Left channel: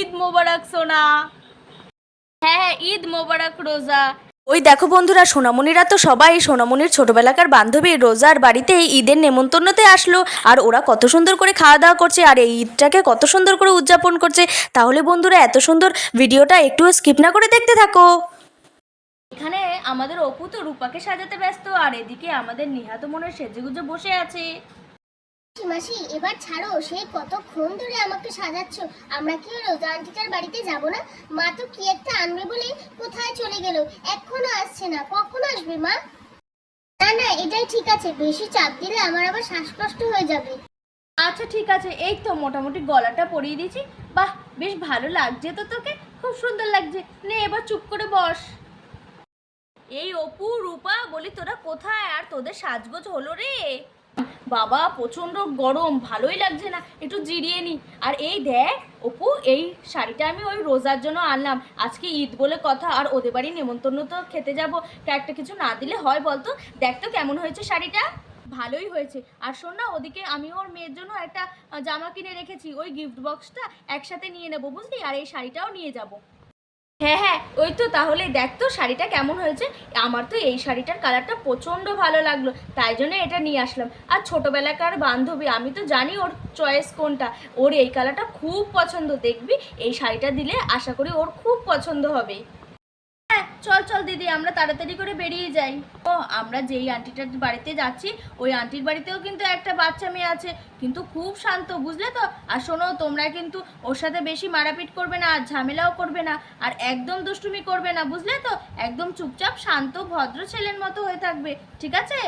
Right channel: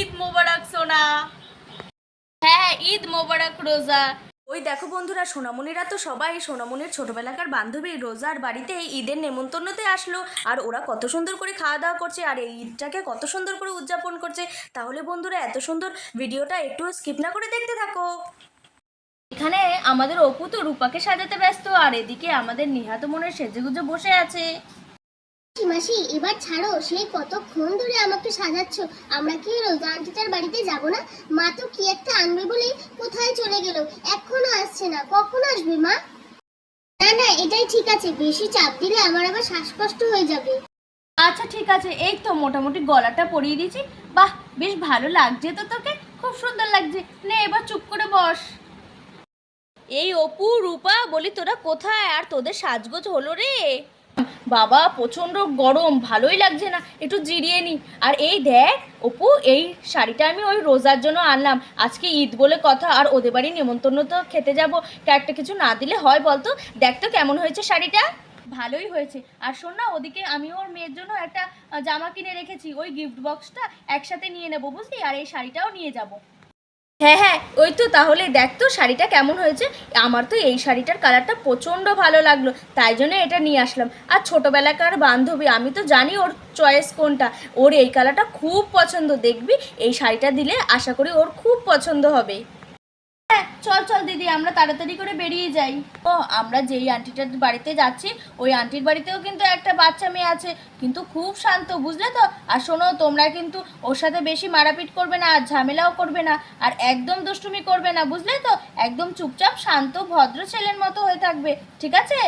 ঈদ মোবারক সোনা। হ্যাঁ হ্যাঁ ঈদ মোবারক রোজা। ওই দেখো বন্ধুরা সোনামণিরা তো সবাই সোনামণির ছোটবেলাকার বান্ধবী রোজার বাড়িতে ঈদের নেমন্তন্নতে আসলো। আর ওরা কত সুন্দর করে খাওয়া দাওয়া করছে আর এই ঈদটাকে কত সুন্দর করে উদযাপন করছে। তাহলে বন্ধুরা এত সুন্দর ভিডিওটা একটু স্কিপ না করে দেখতে থাকো। এখানে আমাদের অপু তো রূপাকে সাজাতে ব্যস্ত আর এদিকে আমাদের নিহাত মনের সেজেগুজে বসে আছে। মাসি, এবার ছাড়ো, সেই কতক্ষণ ধরে আমাকে সাজাচ্ছ? আমরা কি রোজা আন্টিটার বাড়িতে যাব না? মা তো কি একটা আনবে বলে কোথায় চলে গেল? এখনও আসছে না। কখন আসবে মা? না না, এটাই ঠিক আছে। বেশি চাপ দিলে আমার আবার শ্বাসকষ্ট হয়ে যাবে। আচ্ছা ঠিক আছে। এই তো মোটামুটি গলাটা পরিয়ে দিয়েছি। বাহ, বেশ ভালো লাগছে তো তোকে। খুব সুন্দর লাগছে। নে, এবার চুপ করে বস। এই অপু, রূপা, বলি তোরা কোথায়? আর তোদের সাজগোজ হলো রে। বাবা, প্রচণ্ড গরম, ভালোই লাগছে না, একটু জিরিয়ে নি। আর এই দেখ, অপু, এই শাড়িটা আমি ওই রোজার জন্য আনলাম। আজকে ঈদ বলে কথা, আর ওদের বাড়ি নেমন্তন্ন তো খেতে যাব। তা একটা কিছু না দিলে হয় বলতো? দেখ তো কেমন হয়েছে শাড়িটা। ভালোই হয়েছে। আর শোন না, ওদিকে আমি ওর মেয়ের জন্য একটা জামা কিনে রেখেছি। ওই গিফট বক্সটা একসাথে নিয়ে নেব, বুঝলি? আর এই শাড়িটাও নিয়ে যাব। হ্যাঁ হ্যাঁ ওই তো তাহলে দেখ তো শাড়িটা কেমন হয়েছে। আমার তো এই শাড়িটার কালারটা প্রচণ্ড ভালো লাগল, তাই জন্য এটা নিয়ে আসলাম। আর ছোটোবেলাকার বান্ধবী, আমি তো জানি ওর চয়েস কোনটা, ওর এই কালারটা খুব পছন্দ, দেখবি? এই শাড়িটা দিলে আশা করি ওর খুব পছন্দ হবে। চল চল, দিদি, আমরা তাড়াতাড়ি করে বেরিয়ে যাই। ও, আমরা যেই আন্টিটার বাড়িতে যাচ্ছি, ওই আন্টির বাড়িতেও কিন্তু একটা বাচ্চা মেয়ে আছে, কিন্তু খুব শান্ত, বুঝলে তো? আর শোনো, তোমরা কিন্তু ওর সাথে বেশি মারাপিট করবে না, আর ঝামেলাও করবে না, আর একদম দুষ্টুমি করবে না, বুঝলে তো? একদম চুপচাপ, শান্ত, ভদ্র ছেলের মতো হয়ে থাকবে, ঠিক আছে?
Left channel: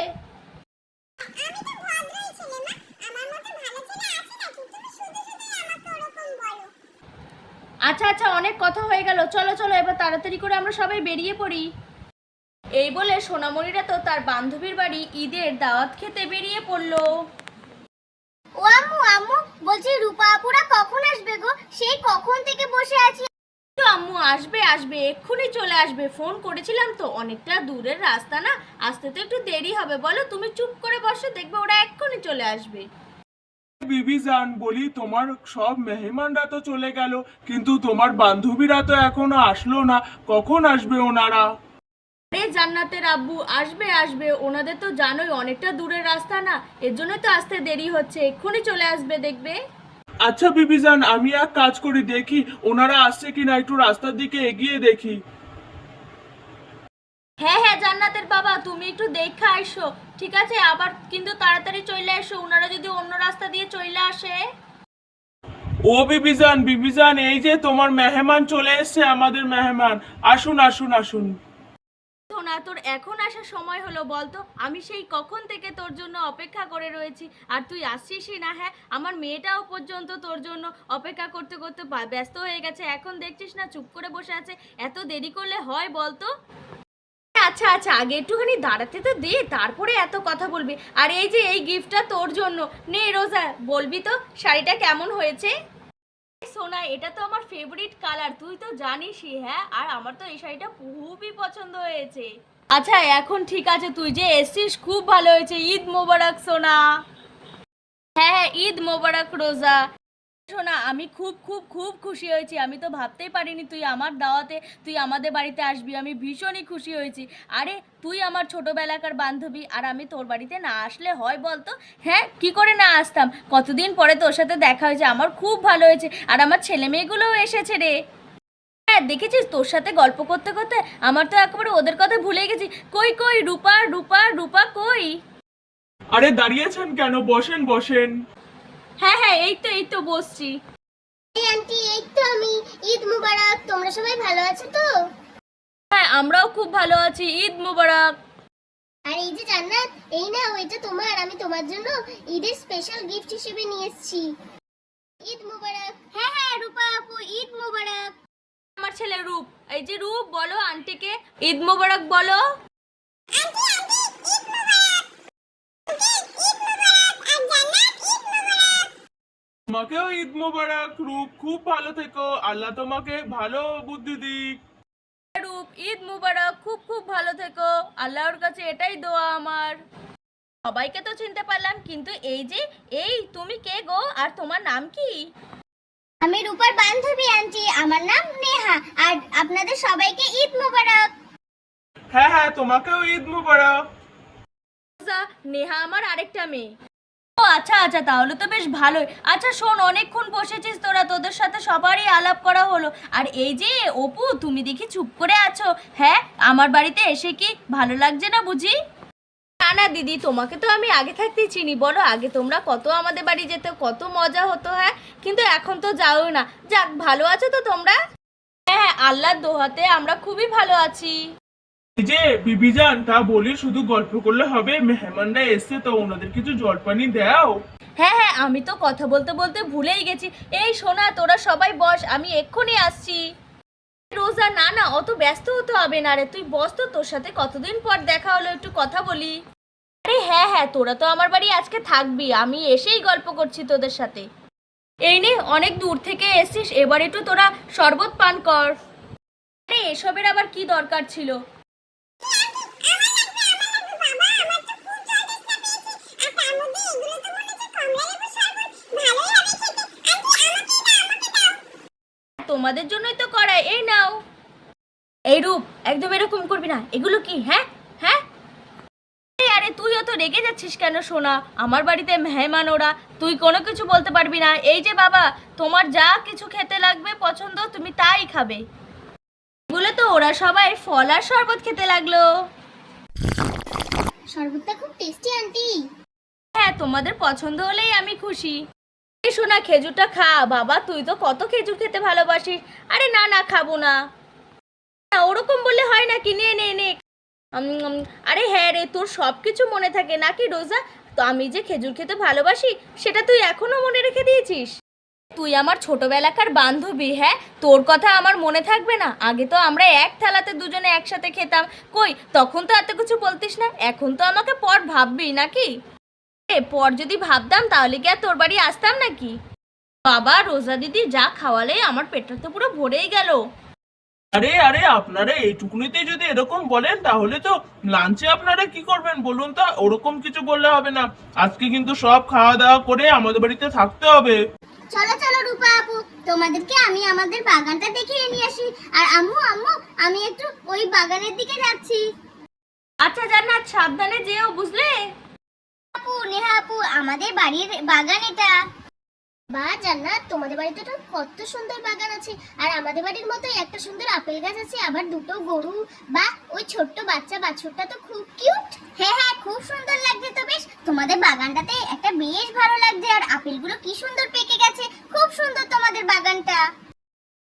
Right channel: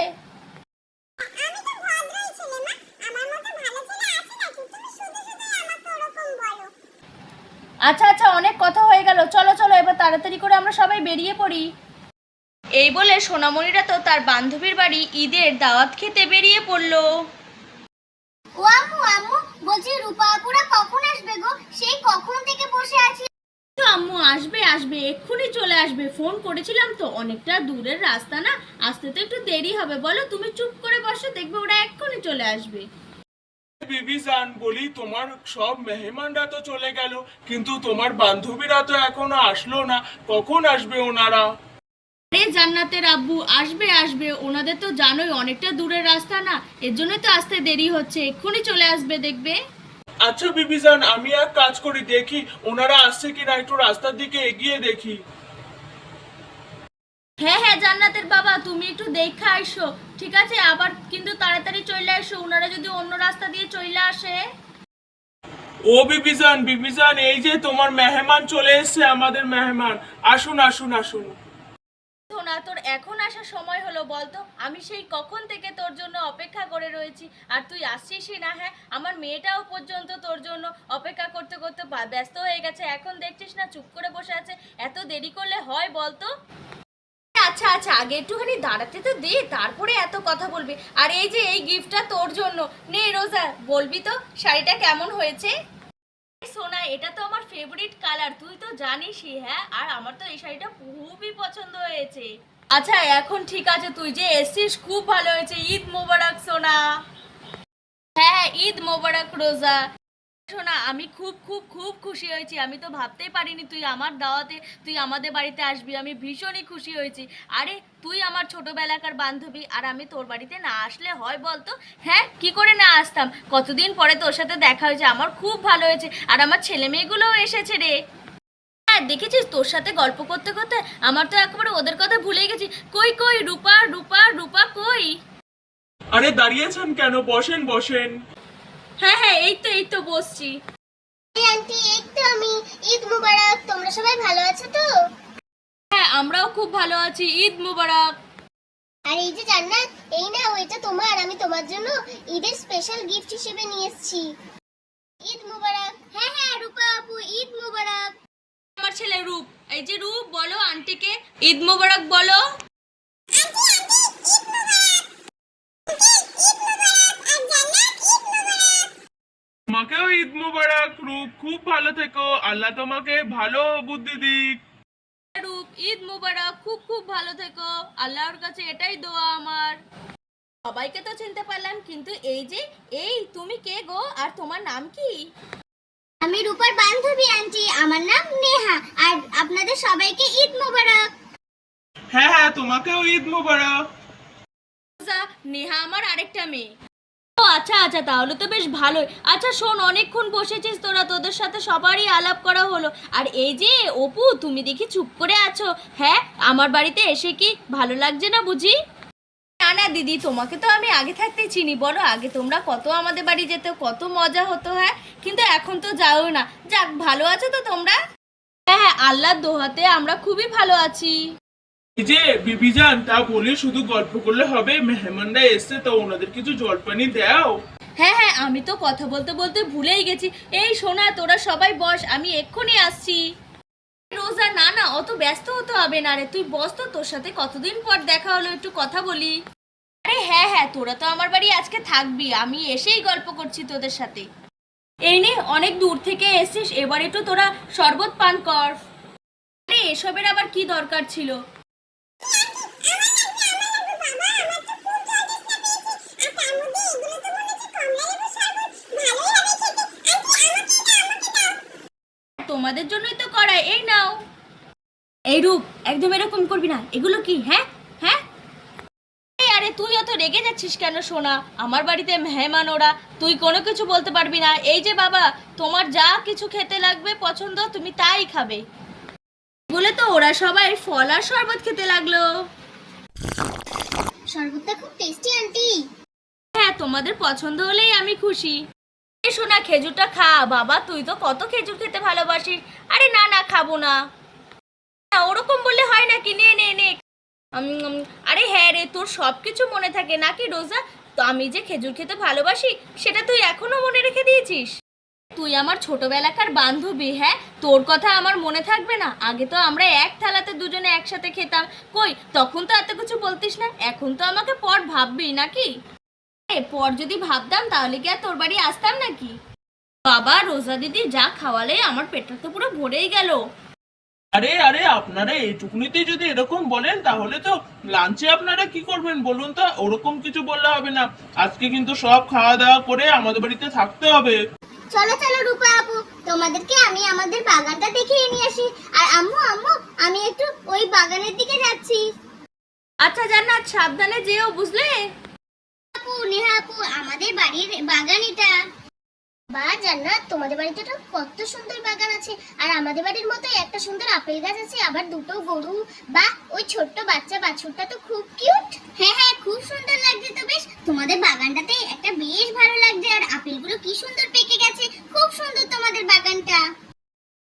আচ্ছা আচ্ছা অনেক কথা হয়ে গেল। চলো চলো এবার তাড়াতাড়ি করে আমরা সবাই বেরিয়ে পড়ি। এই বলে সোনামণিরা তো তার বান্ধবীর বাড়ি ঈদের দাওয়াত খেতে বেরিয়ে পড়ল। ও আম্মু আম্মু বলছি রূপা আপুরা কখন আসবে গো? সেই কখন থেকে বসে আছি? তো আম্মু আসবে আসবে এক্ষুনি চলে আসবে। ফোন করেছিলাম তো অনেকটা দূরের রাস্তা না? আসতে তো একটু দেরি হবে। বলো তুমি চুপ করে বসো দেখবে ওরা এক্ষুনি চলে আসবে। বিবি জান বলি তোমার সব মেহমানরা তো চলে গেল কিন্তু তোমার বান্ধবীরা তো এখনও আসলো না। কখন আসবে ওনারা? আরে জান্নাতের আব্বু আসবে আসবে। ওনাদের তো জানোই অনেকটা দূরের রাস্তা না এর জন্য তো আসতে দেরি হচ্ছে। এক্ষুনি চলে আসবে দেখবে। আচ্ছা বিবি জান আমি এক কাজ করি দেখি ওনারা আসছে কিনা একটু রাস্তার দিকে এগিয়ে দেখি। হ্যাঁ হ্যাঁ জান্নাতের বাবা তুমি একটু দেখে আসো ঠিক আছে? আবার কিন্তু তাড়াতাড়ি চলে আসো ওনারা যদি অন্য রাস্তা দিয়ে চলে আসে। ও বিবিজান বিবিজান এই যে তোমার মেহমান চলে এসেছে আমাদের মেহমান। আসুন আসুন আসুন। সোনা তোর এখন আসার সময় হলো বলতো আমি সেই কখন থেকে তোর জন্য অপেক্ষা করে রয়েছি আর তুই আসছিসই না হ্যাঁ? আমার মেয়েটাও পর্যন্ত তোর জন্য অপেক্ষা করতে করতে ব্যস্ত হয়ে গেছে এখন দেখছিস না চুপ করে বসে আছে এত দেরি করলে হয় বলতো? আচ্ছা আচ্ছা আগে একটুখানি দাঁড়াতে তো দে, তারপরে এত কথা বলবি। আর এই যে এই গিফটটা তোর জন্য, নে রোজা, বলবি তো, শাড়িটা কেমন হয়েছে? সোনা, এটা তো আমার ফেভারিট কালার তুই তো জানিসই হ্যাঁ? আর আমার তো এই শাড়িটা খুবই পছন্দ হয়েছে। আচ্ছা এখন ঠিক আছে, তুই যে এসছিস, খুব ভালো হয়েছে। ঈদ মোবারক, সোনা। হ্যাঁ হ্যাঁ ঈদ মোবারক, রোজা। শোনা, আমি খুব খুব খুব খুশি হয়েছি। আমি তো ভাবতেই পারিনি তুই আমার দাওয়াতে, তুই আমাদের বাড়িতে আসবি। আমি ভীষণই খুশি হয়েছি। আরে, তুই আমার ছোটবেলাকার বান্ধবী, আর আমি তোর বাড়িতে না আসলে হয় বলতো? হ্যাঁ কি করে না আসতাম? কতদিন পরে তোর সাথে দেখা হয়েছে, আমার খুব ভালো হয়েছে। আর আমার ছেলে মেয়েগুলোও এসেছে রে। হ্যাঁ দেখেছিস? তোর সাথে গল্প করতে করতে আমার তো একেবারে ওদের কথা ভুলে গেছি। কই কই, রূপা রূপা রূপা কই? আরে দাঁড়িয়েছেন কেন? বসেন বসেন। হ্যাঁ হ্যাঁ এই তো এই তো বসছি। আন্টি এই তো আমি। ঈদ মুবারক। তোমরা সবাই ভালো আছো তো? হ্যাঁ আমরাও খুব ভালো আছি। ঈদ মুবারক। আর এই যে জান্নাত এই নাও এটা তোমার। আমি তোমার জন্য ঈদের স্পেশাল গিফট হিসেবে নিয়ে এসেছি। ঈদ মুবারক। হ্যাঁ হ্যাঁ রূপা আপু ঈদ মুবারক। আমার ছেলে রূপ। এই যে রূপ বলো আন্টিকে। ঈদ মোবারক বলো। তোমাকেও ঈদ মোবারক রূপ খুব ভালো থেকো। আল্লাহ তোমাকে ভালো বুদ্ধি দিক। রূপ ঈদ মুবারক খুব খুব ভালো থেকো। আল্লাহর কাছে এটাই দোয়া আমার। সবাইকে তো চিনতে পারলাম কিন্তু এই যে এই তুমি কে গো? আর তোমার নাম কি? আমি রূপার বান্ধবী আন্টি। আপনাদের সবাইকে ঈদ মোবারক। হ্যাঁ হ্যাঁ তোমাকেও ঈদ মুবারক। নেহা আমার আরেকটা মেয়ে। আচ্ছা আচ্ছা তাহলে তো বেশ ভালোই। আচ্ছা শোন অনেকক্ষণ বসেছিস তোরা তোদের সাথে সবারই আলাপ করা হলো। আর এই যে অপু তুমি দেখি চুপ করে আছো? হ্যাঁ আমার বাড়িতে এসে কি ভালো লাগছে না বুঝি? না না দিদি তোমাকে তো আমি আগে থাকতেই চিনি। বলো আগে তোমরা কত আমাদের বাড়ি যেতে কত মজা হতো হ্যাঁ? কিন্তু এখন তো যাও না। যাক ভালো আছো তো তোমরা? হ্যাঁ হ্যাঁ আল্লাহর দোহাতে আমরা খুবই ভালো আছি। যে বিবিজান তা বলি শুধু গল্প করলে হবে। মেহমানরা এসছে, তা ওনাদের কিছু জলপানি দাও। হ্যাঁ হ্যাঁ আমি তো কথা বলতে বলতে ভুলেই গেছি। এই শোনা তোরা সবাই বস, আমি এক্ষুনি আসছি। রোজা, না না, অত ব্যস্ত হতে হবে না রে। তুই বস তো, তোর সাথে কতদিন পর দেখা হলো, একটু কথা বলি। আরে হ্যাঁ হ্যাঁ তোরা তো আমার বাড়ি আজকে থাকবি, আমি এসেই গল্প করছি তোদের সাথে। এই নে, অনেক দূর থেকে এসছিস, এবার একটু তোরা শরবত পান কর। আরে, এসবের আবার কি দরকার ছিল? তোমাদের জন্যই তো করাই এই নাও। এই রূপ একদম এরকম করবি না। এগুলো কি হ্যাঁ? হ্যাঁ? আরে তুই অত রেগে যাচ্ছিস কেন সোনা? আমার বাড়িতে মেহমান ওরা তুই কোনো কিছু বলতে পারবি না। এই যে বাবা তোমার যা কিছু খেতে লাগবে পছন্দ তুমি তাই খাবে। বলে তো ওরা সবাই ফল আর শরবত খেতে লাগল। শরবতটা খুব টেস্টি আন্টি হ্যাঁ তোমাদের পছন্দ হলেই আমি খুশি। এই শোনা খেজুরটা খা। বাবা, তুই তো কত খেজুর খেতে ভালোবাসিস। আরে না না, খাব না। ওরকম বললে হয় নাকি? নে নে নে। আরে হ্যাঁ রে, তোর সব কিছু মনে থাকে নাকি রোজা? তো আমি যে খেজুর খেতে ভালোবাসি, সেটা তুই এখনও মনে রেখে দিয়েছিস? তুই আমার ছোটবেলাকার বান্ধবী হ্যাঁ? তোর কথা আমার মনে থাকবে না। আগে তো আমরা এক থালাতে দুজনে একসাথে খেতাম। কই, তখন তো এত কিছু বলতিস না? এখন তো আমাকে পর ভাববি, নাকি? পর যদি ভাবতাম তাহলে কি আর তোর বাড়ি আসতাম নাকি? বাবা রোজা দিদি যা খাওয়ালে আমার পেটটা তো পুরো ভরেই গেল। আরে আরে আপনারা এইটুকুনিতেই যদি এরকম বলেন তাহলে তো লাঞ্চে আপনারা কি করবেন বলুন তো? ওরকম কিছু বললে হবে না। আজকে কিন্তু সব খাওয়া দাওয়া করে আমাদের বাড়িতে থাকতে হবে। চলো চলো রূপা আপু তোমাদেরকে আমি আমাদের বাগানটা দেখিয়ে নিয়ে আসি। আর আম্মু আম্মু আমি একটু ওই বাগানের দিকে যাচ্ছি। আচ্ছা জান্নাত সাবধানে যেও বুঝলে? আপু নেহা আপু আমাদের বাড়ির বাগান এটা। বা জান্নাত, তোমাদের বাড়িতে তো কত সুন্দর বাগান আছে। আর আমাদের বাড়ির মতো একটা সুন্দর আপেল গাছ আছে, আবার দুটো গরু বা ওই ছোট্ট বাচ্চা বাছুরটা তো খুব কিউট হ্যাঁ হ্যাঁ খুব সুন্দর লাগছে তো বেশ। তোমাদের বাগানটাতে একটা বেশ ভালো লাগছে, আর আপেলগুলো কি সুন্দর পেকে গেছে। খুব সুন্দর তোমাদের বাগানটা।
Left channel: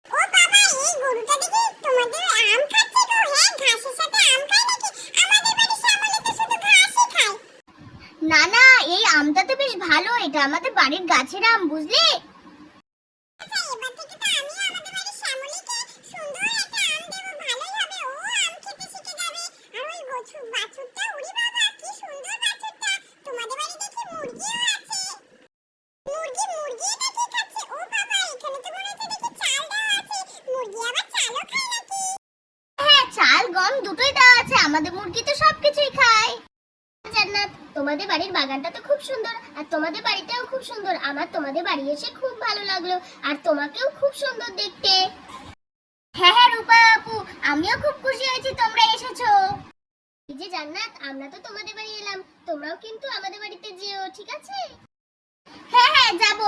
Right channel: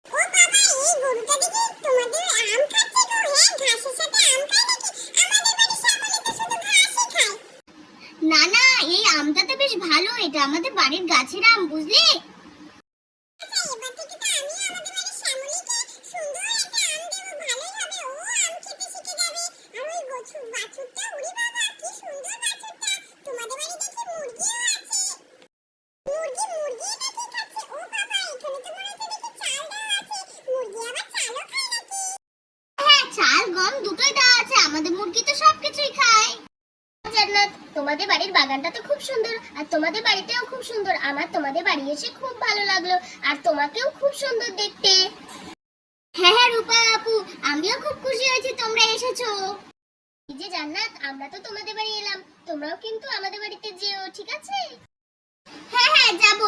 ও বাবা, এই গরুটা দেখি তোমাদের আম খাচ্ছে গো হ্যাঁ ঘাসের সাথে আম খায় নাকি আমাদের বাড়ির শ্যামলি তো শুধু ঘাসই খায় না না এই আমটা তো বেশ ভালো এটা আমাদের বাড়ির গাছের আম বুঝলে? নাকি? হ্যাঁ চাল গম দুটোই দেওয়া আছে। আমাদের মুরগি তো সবকিছুই খায়। জান্নাত তোমাদের বাড়ির বাগানটা তো খুব সুন্দর আর তোমাদের বাড়িটাও খুব সুন্দর। আমার তোমাদের বাড়ি এসে খুব ভালো লাগল আর তোমাকেও খুব সুন্দর দেখতে। হ্যাঁ হ্যাঁ রূপা আপু আমিও খুব খুশি হয়েছি তোমরা এসেছ। এই যে জান্নাত আমরা তো তোমাদের বাড়ি এলাম তোমরাও কিন্তু আমাদের বাড়িতে যেও ঠিক আছে? হ্যাঁ হ্যাঁ যাব।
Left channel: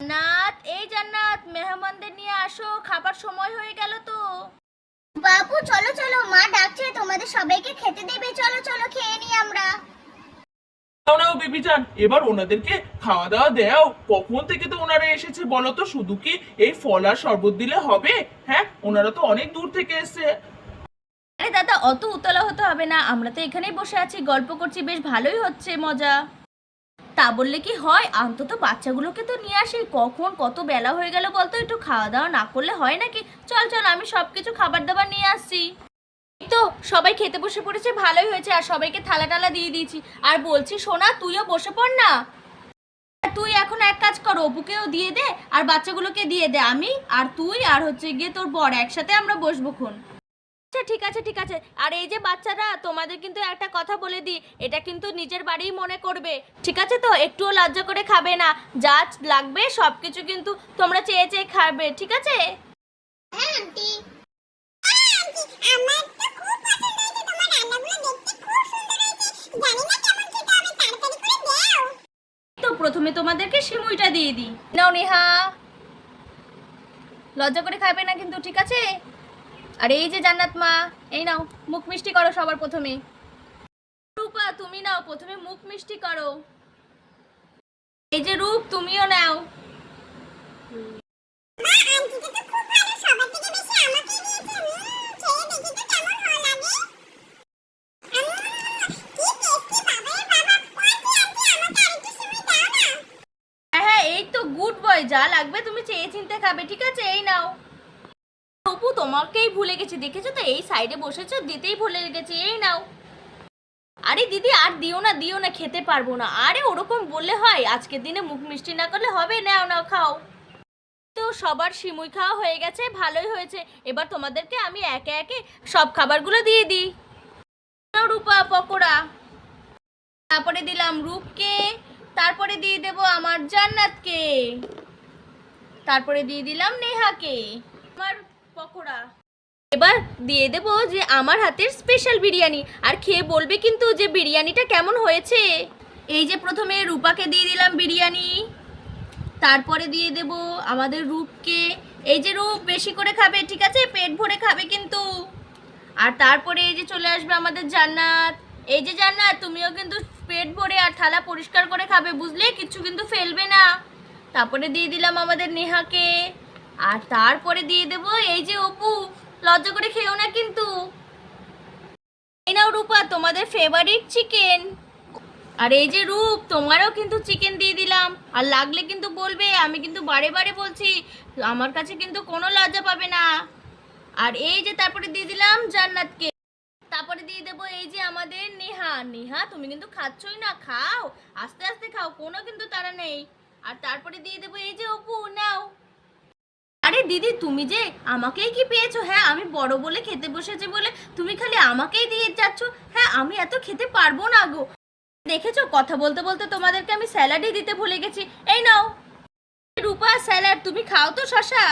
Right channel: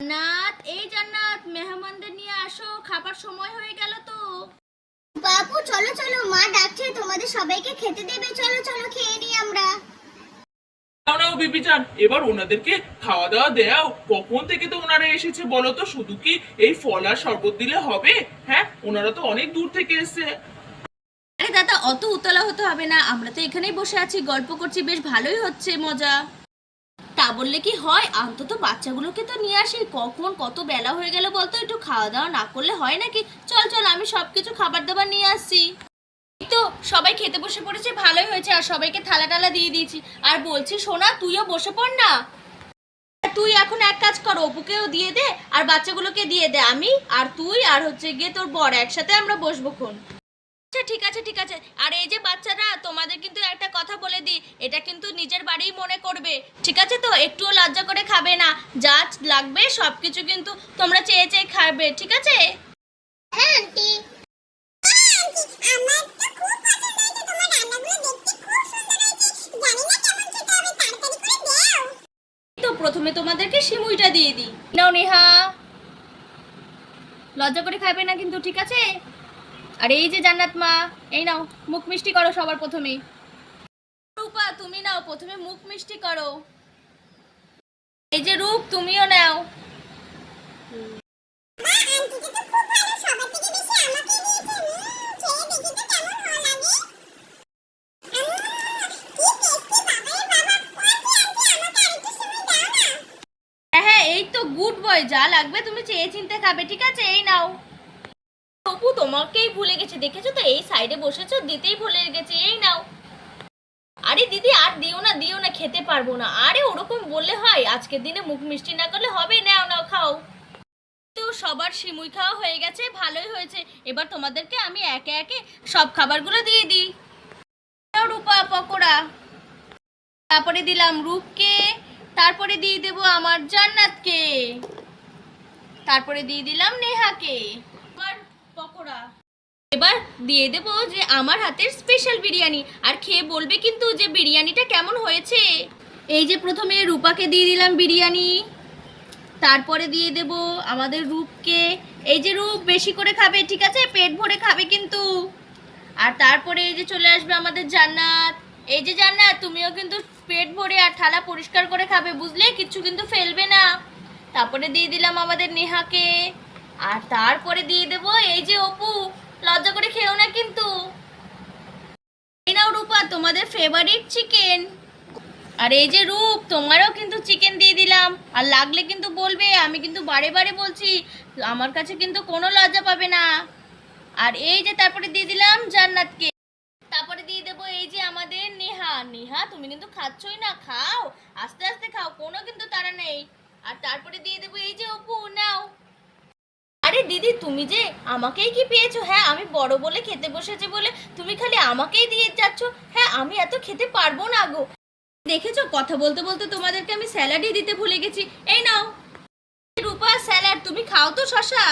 জান্নাত এই জান্নাত মেহমানদের নিয়ে আসো খাবার সময় হয়ে গেল তো। বাবু চলো চলো মা ডাকছে তোমাদের সবাইকে খেতে দেবে চলো চলো খেয়ে নি আমরা। এবার ওনাদেরকে খাওয়া দাওয়া দেও। কখন থেকে তো ওনারা এসেছে বলো তো? শুধু কি এই ফল আর শরবত দিলে হবে? হ্যাঁ ওনারা তো অনেক দূর থেকে এসেছে। আরে দাদা, অত উতলা হতে হবে না। আমরা তো এখানেই বসে আছি, গল্প করছি, বেশ ভালোই হচ্ছে, মজা। তা বললে কি হয়? অন্তত বাচ্চাগুলোকে তো নিয়ে আসি। কখন কত বেলা হয়ে গেল বলতো? একটু খাওয়া দাওয়া না করলে হয় নাকি? চল চল, আমি সব কিছু খাবার দাবার নিয়ে এই তো সবাই খেতে বসে পড়েছে, ভালোই হয়েছে, আর সবাইকে থালা টালা দিয়ে দিয়েছি। আর বলছি, সোনা, তুইও বসে পড় না। তুই এখন এক কাজ কর, অপুকেও দিয়ে দে, আর বাচ্চাগুলোকে দিয়ে দে। আমি আর তুই আর হচ্ছে গিয়ে তোর বড় একসাথে আমরা বসবো খন আচ্ছা ঠিক আছে ঠিক আছে। আর এই যে বাচ্চারা, তোমাদের কিন্তু একটা কথা বলে দিই, এটা কিন্তু নিজের বাড়িই মনে করবে। ঠিক আছে তো? একটুও লজ্জা করে খাবে না। যা লাগবে সব কিছু কিন্তু তোমরা চেয়ে চেয়ে খাবে, ঠিক আছে? হ্যাঁ আন্টি আমার তো খুব পছন্দ হয়েছে তোমার রান্নাগুলো দেখতে খুব সুন্দর হয়েছে জানি না কেমন খেতে হবে তাড়াতাড়ি করে দাও তো প্রথমে তোমাদেরকে সিমুইটা দিয়ে দিই। নাও নেহা। লজ্জা করে খাবে না কিন্তু, ঠিক আছে? আর এই যে জান্নাত মা, এই নাও, মুখ মিষ্টি করো সবার প্রথমে। রূপা, তুমি নাও, প্রথমে মুখ মিষ্টি করো। এই যে রূপ, তুমিও নাও মা আন্টিটা তো খুব ভালো সবার থেকে বেশি আমাকেই দিয়েছে উম, খেয়ে দেখি তো কেমন হয় লাগে উম, কি টেস্টি বাবা রে বাবা আন্টি আন্টি আমাকে আরেকটু সিমই দাও না হ্যাঁ হ্যাঁ এই তো গুড বয় যা লাগবে, তুমি চেয়ে চিনতে খাবে, ঠিক আছে? এই নাও। অপু তোমাকেই ভুলে গেছি, দেখেছ তো? এই সাইডে বসেছো, দিতেই ভুলে গেছি, এই নাও। আরে দিদি, আর দিও না দিও না, খেতে পারব না। আরে ওরকম বললে হয়, আজকের দিনে মুখ মিষ্টি না করলে হবে, নাও নাও, খাও। তো সবার সিমুই খাওয়া হয়ে গেছে, ভালোই হয়েছে। এবার তোমাদেরকে আমি একে একে সব খাবারগুলো দিয়ে দিই। রূপা, পকোড়া। তারপরে দিলাম রূপকে, তারপরে দিয়ে দেব আমার জান্নাতকে। তারপরে দিয়ে দিলাম নেহাকে। আমার পকোড়া। এবার দিয়ে দেবো যে আমার হাতের স্পেশাল বিরিয়ানি। আর খেয়ে বলবে কিন্তু যে বিরিয়ানিটা কেমন হয়েছে। এই যে প্রথমে রূপাকে দিয়ে দিলাম বিরিয়ানি তারপরে দিয়ে দেব আমাদের রূপকে। এই যে রূপ বেশি করে খাবে ঠিক আছে? পেট ভরে খাবে কিন্তু। আর তারপরে এই যে চলে আসবে আমাদের জান্নাত। এই যে জান্নাত তুমিও কিন্তু পেট ভরে আর থালা পরিষ্কার করে খাবে বুঝলে? কিছু কিন্তু ফেলবে না। তারপরে দিয়ে দিলাম আমাদের নেহাকে। আর তারপরে দিয়ে দেব এই যে অপু, লজ্জা করে খেও না কিন্তু। এই নাও রূপা, তোমাদের ফেভারিট চিকেন আর এই যে রূপ, তোমারও কিন্তু চিকেন দিয়ে দিলাম। আর লাগলে কিন্তু বলবে, আমি কিন্তু বারে বারে বলছি, আমার কাছে কিন্তু কোনো লজ্জা পাবে না। আর এই যে তারপরে দিয়ে দিলাম জান্নাতকে। তারপরে দিয়ে দেবো এই যে আমাদের নেহা। নেহা, তুমি কিন্তু খাচ্ছই না, খাও। আস্তে আস্তে খাও, কোনো কিন্তু তারা নেই। আর তারপরে দিয়ে দেবো এই যে অপু, নাও। আরে দিদি, তুমি যে আমাকেই কি পেয়েছ? হ্যাঁ আমি বড় বলে খেতে বসেছে বলে তুমি খালি আমাকেই দিয়ে যাচ্ছ। হ্যাঁ আমি এত খেতে পারব না গো। দেখেছ, কথা বলতে বলতে তোমাদেরকে আমি স্যালাডই দিতে ভুলে গেছি। এই নাও। রূপা, স্যালাড, তুমি খাও তো শশা।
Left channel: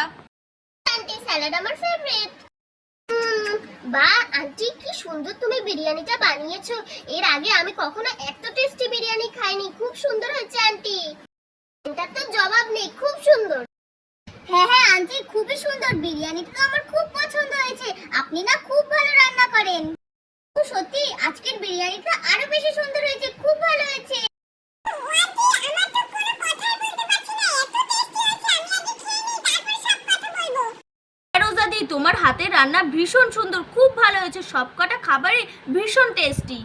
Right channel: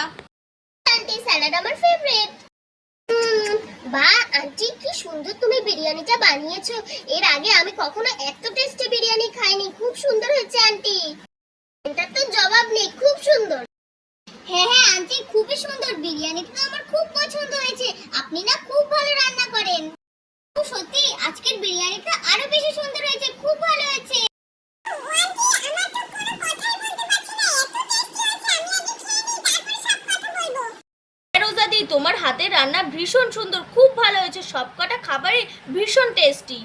আন্টি, স্যালাড আমার ফেভারিট বা, আন্টি, কি সুন্দর তুমি বিরিয়ানিটা বানিয়েছো। এর আগে আমি কখনো এত টেস্টি বিরিয়ানি খাইনি খুব সুন্দর হয়েছে আন্টি এটার তো জবাব নেই খুব সুন্দর হ্যাঁ হ্যাঁ আন্টি খুবই সুন্দর বিরিয়ানিটা তো আমার খুব পছন্দ হয়েছে আপনি না খুব ভালো রান্না করেন সত্যি আজকের বিরিয়ানিটা আরও বেশি সুন্দর হয়েছে খুব ভালো হয়েছে রোজাদি তোমার হাতের রান্না ভীষণ সুন্দর খুব ভালো হয়েছে সবকটা খাবারই ভীষণ টেস্টি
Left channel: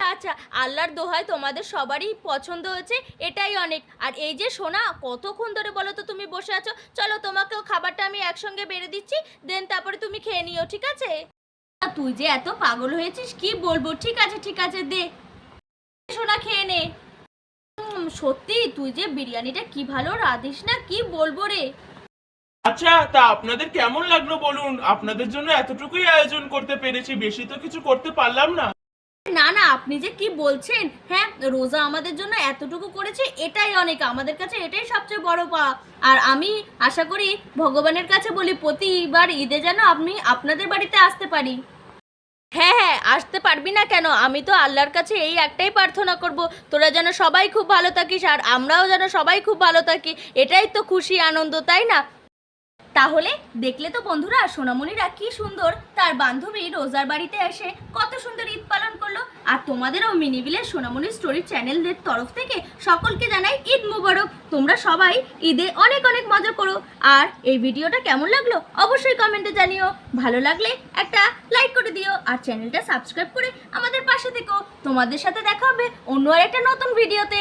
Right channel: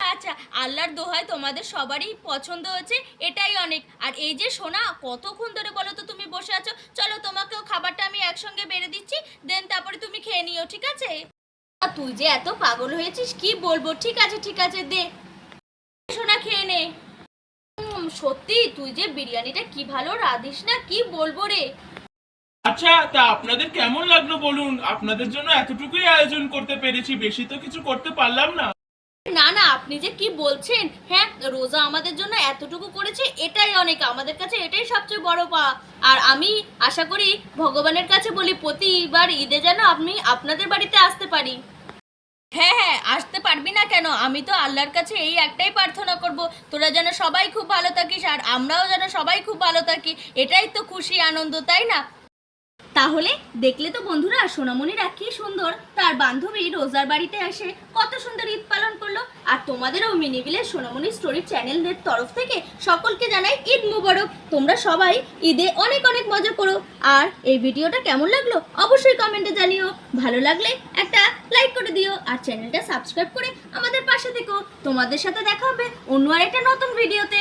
আচ্ছা আল্লাহর দোহায় তোমাদের সবারই পছন্দ হয়েছে, এটাই অনেক। আর এই যে সোনা, কতক্ষণ ধরে বলো তো তুমি বসে আছো? চলো তোমাকেও খাবারটা আমি একসঙ্গে বেড়ে দিচ্ছি, দেন তারপরে তুমি খেয়ে নিও, ঠিক আছে? তুই যে এত পাগল হয়েছিস, কি বলব? ঠিক আছে ঠিক আছে, দে। সোনা, খেয়ে নে। সত্যি, তুই যে বিরিয়ানিটা কি ভালো, রাঁধিস না, কি বলব রে? আচ্ছা তা আপনাদের কেমন লাগল বলুন? আপনাদের জন্য এতটুকুই আয়োজন করতে পেরেছি বেশি তো কিছু করতে পারলাম না। না না আপনি যে কি বলছেন হ্যাঁ রোজা আমাদের জন্য এতটুকু করেছে এটাই অনেক আমাদের কাছে এটাই সবচেয়ে বড় পাওয়া আর আমি আশা করি ভগবানের কাছে বলি প্রতিবার ঈদে যেন আপনি আপনাদের বাড়িতে আসতে পারি। হ্যাঁ হ্যাঁ আসতে পারবি না কেন? আমি তো আল্লাহর কাছে এই একটাই প্রার্থনা করব তোরা যেন সবাই খুব ভালো থাকিস আর আমরাও যেন সবাই খুব ভালো থাকি এটাই তো খুশি আনন্দ তাই না? তাহলে দেখলে তো বন্ধুরা, সোনামণিরা কি সুন্দর। তার বান্ধবী রোজার বাড়িতে এসে কত সুন্দর ঈদ পালন করল। আর তোমাদেরও মিনিবিলের সোনামণি স্টোরি চ্যানেলের তরফ থেকে সকলকে জানাই ঈদ মুবারক। তোমরা সবাই ঈদে অনেক অনেক মজা করো। আর এই ভিডিওটা কেমন লাগল অবশ্যই কমেন্টে জানিও। ভালো লাগলে একটা লাইক করে দিও আর চ্যানেলটা সাবস্ক্রাইব করে আমাদের পাশে থেকো। তোমাদের সাথে দেখা হবে অন্য আর একটা নতুন ভিডিওতে।